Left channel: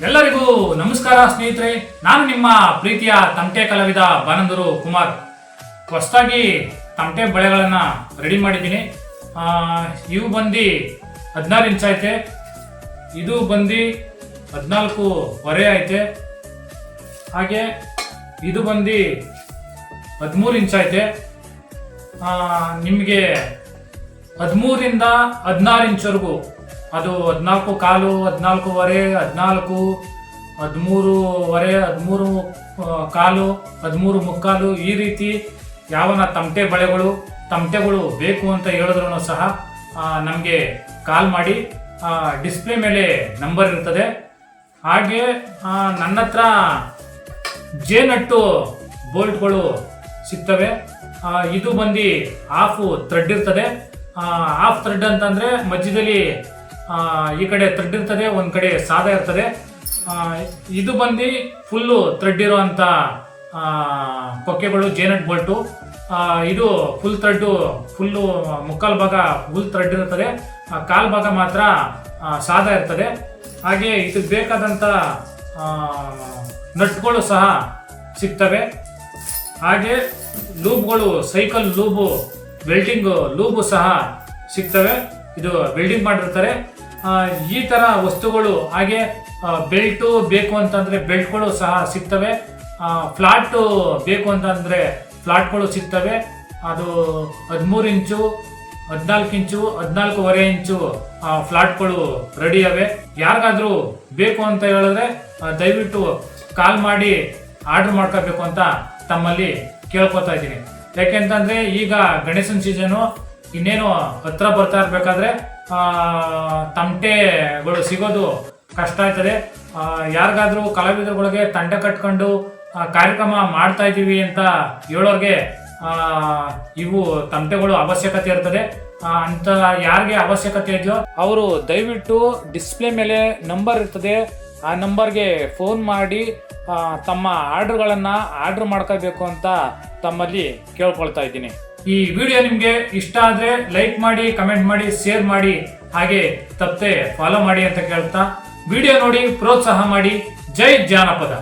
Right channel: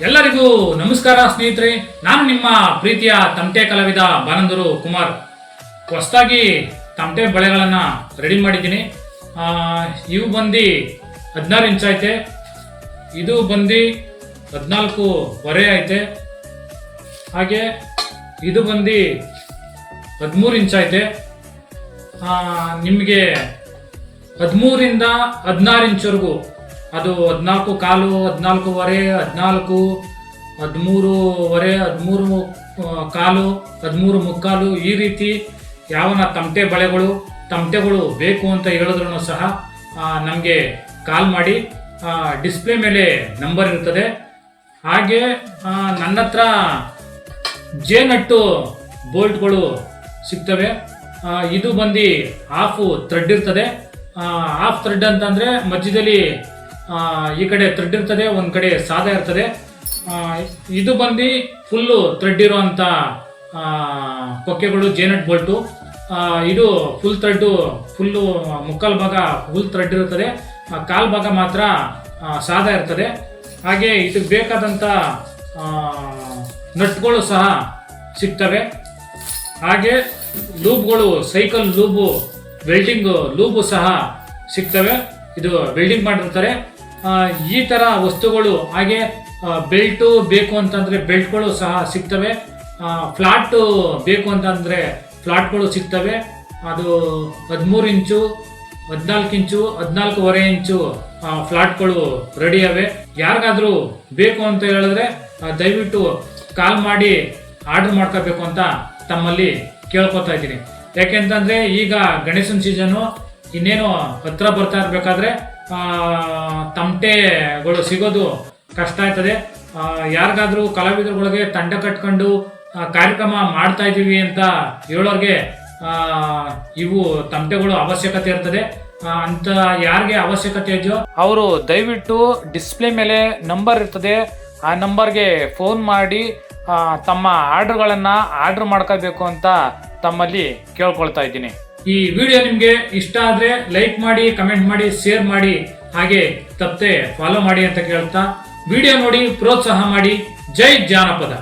ಎಲ್ಲರಿಗೂ ನಮಸ್ಕಾರ ಸ್ನೇಹಿತರೆ, ನಾನು ನಿಮ್ಮ ಪ್ರೀತಿಯ ತಮಟೆ ಕಲಾವಿದ ಬಾನಂದೂರು ಕುಮಾರ್. ಹೊಸದಾಗಿ ತಮಟೆ ಬಳೆಗಳನ್ನು ರೆಡಿ ಮಾಡಿದ್ದೀನಿ. ಇವು ಬಂದು 16 ಇಂಚ್ ಐತೆ, ಇದು ಬಂದು 14.25 ಐತೆ, ಹಾಗೆ ಇದು ಬಂದು 13 ಇಂಚ್ ಐತೆ. ನಿಮಗೆ 13ರಿಂದ 16 ಇಂಚ್ವರೆಗೂ, ಅದು 14 ಕಾಲು, 14.25, 14, 13.25, 13 ಕಾಲು, 13 ಮುಕ್ಕಾಲು, ಈ ರೀತಿ ಯಾವನ ತಮಟೆಗಳು ಬೇಕು ಅಂತ ಹೇಳಿದ್ರು ಸಹ ನಮಗೆ ಕಾಲ್ ಮಾಡಿ. ಡಿಸ್ಪ್ಲೇ ಮೇಲೆ ನಂಬರ್ ಇರ್ತದೆ. ಹಾಗೆ ನನ್ನ ಹತ್ರ ಜೇನಟ್ಟು ಬೋಲ್ಟ್ಗಳು ಸಿಗ್ತವೆ. ಇದು ಬಂದು ಹಾಫ್ ಥ್ರೆಡ್ ಇರ್ತದೆ. ಹಾಫ್ ಥ್ರೆಡ್ ಅಂತಂದರೆ ಮಧ್ಯದಲ್ಲಿ ಈ ಕಡೆ ಥ್ರೆಡ್ ಇರ್ತದೆ, ಒಂದು ಕಡೆ ಸಾದಾ ಇರ್ತದೆ. ಇದು ಬಂದು ಫುಲ್ಲು ಥ್ರೆಡ್ ಇರೋವಂಥ ಪೊಕ್ಕೆಗಳು, ಜೇನಟ್ ಬೋಲ್ಟು. ಇದು ಫುಲ್ ಥ್ರೆಡ್ಡು, ಫುಲ್ಲು ಮುಕ್ಕಾಲು ಭಾಗ ಫುಲ್ ಥ್ರೆಡ್ ಇರ್ತದೆ, ಕಾಲು ಭಾಗ ಮಾತ್ರ ಸಾದಾ ಇರ್ತದೆ. ಹಾಗೆ ಇದಕ್ಕೆ ಬೇಕಾದಂಥ ನಟ್ಗಳು ಸಹ ಸಿಗ್ತವೆ. ಹಾಗೆ ಲೂಬ್ಗಳು, ಸೈಕಲ್ ಲೂಬು, ವೆಲ್ಡಿಂಗ್ ಲೂಬು ಸಹ ಸಿಗ್ತವೆ. ಇದು ವೆಲ್ಡಿಂಗ್ ಮಾಡಿರ್ತಾರೆ. ಈ ಥರ ವಸ್ತುಗಳು, ಹಾಗೆ ಬೆಲ್ಟು ಬೇಕು ಅಂತಂದರೆ ಬೆಲ್ಟ್ಗಳು ಸಹ ಸಿಗ್ತವೆ. ಫ್ಲಾಟು ಬೇಕು ಅಂತಂದರೆ ಫ್ಲಾಟ್ಗಳು ಸಿಗ್ತವೆ. ಅದು 13 ಇಂಚು, 14 ಇಂಚು, 14.25 ಇಂಚು ಫ್ಲಾಟ್ಗಳು ರೆಡಿ ಅವೆ. ಯಾರಿಗಾದರೂ ಬೇಕು ಅಂತ ಹೇಳಿದ್ರೆ ದಯವಿಟ್ಟು ಕಾಲ್ ಮಾಡಿ ಆರ್ಡ್ರ್ ಮಾಡ್ಕೋಬೇಕು ಅಂತ ತಮ್ಮಲ್ಲಿ ಕೇಳ್ಕೊತಾ ಇದ್ದೀನಿ. ಯಾಕೆಂತಂದರೆ ಈಗ ಗಣೇಶನ ಸೀಸನು ಇನ್ನೇನು ಹತ್ರ ಬರ್ತಾ ಇರಬೇಕಾದ್ರೆ ತಮಟೆಗಳು ಸಿಗೋದು ಕಷ್ಟ ಆಯ್ತದೆ. ಯಾರಿಗಾದ್ರೂ ಕಲಾವಿದರುಗಳಿಗೆ ತಂಡ ಕಟ್ಕೊಂಡು ಕಾರ್ಯಕ್ರಮ ಮಾಡ್ತಾ ಇದ್ದೀವಿ ಅಂತ ಹೇಳೋರಿಗೆ ಇವು ತಮಟೆಗಳು ಅವಶ್ಯಕತೆ ಇರ್ತದೆ. ಅಂತ ಯಾರಿಗೆ ಅವಶ್ಯಕತೆ ಇದೆಯೋ ಅವರು ದಯವಿಟ್ಟು ಡಿಸ್ಪ್ಲೇ ಮೇಲೆ ನಂಬರ್ ಇರ್ತದೆ, ಆ ನಂಬರ್ಗೆ ಫೋನ್ ಮಾಡಿ ತಮ್ಮ ಆರ್ಡ್ರ್ಗಳನ್ನು ಆರ್ಡ್ರ್ ಮಾಡ್ಕೋಬೇಕು ಅಂತ ತಮ್ಮಲ್ಲಿ ಕೇಳ್ಕೊಳ್ತಾ ಇದ್ದೀನಿ. ಈ ವಿಡಿಯೋ ನಿಮಗೆ ಇಷ್ಟ ಆದರೆ ಲೈಕ್ ಮಾಡಿ, ಕಮೆಂಟ್ ಮಾಡಿ, ಶೇರ್ ಮಾಡಿ, ಹಾಗೆ ತಪ್ಪದೆ ಫಾಲೋ ಮಾಡಿ ಅಂತ ಕೇಳ್ತಾ ವಿಡಿಯೋ ನೋಡಿ ಪ್ರೋತ್ಸಾಹ ಮಾಡಿ. ಜೈ ಜಾನಪದ.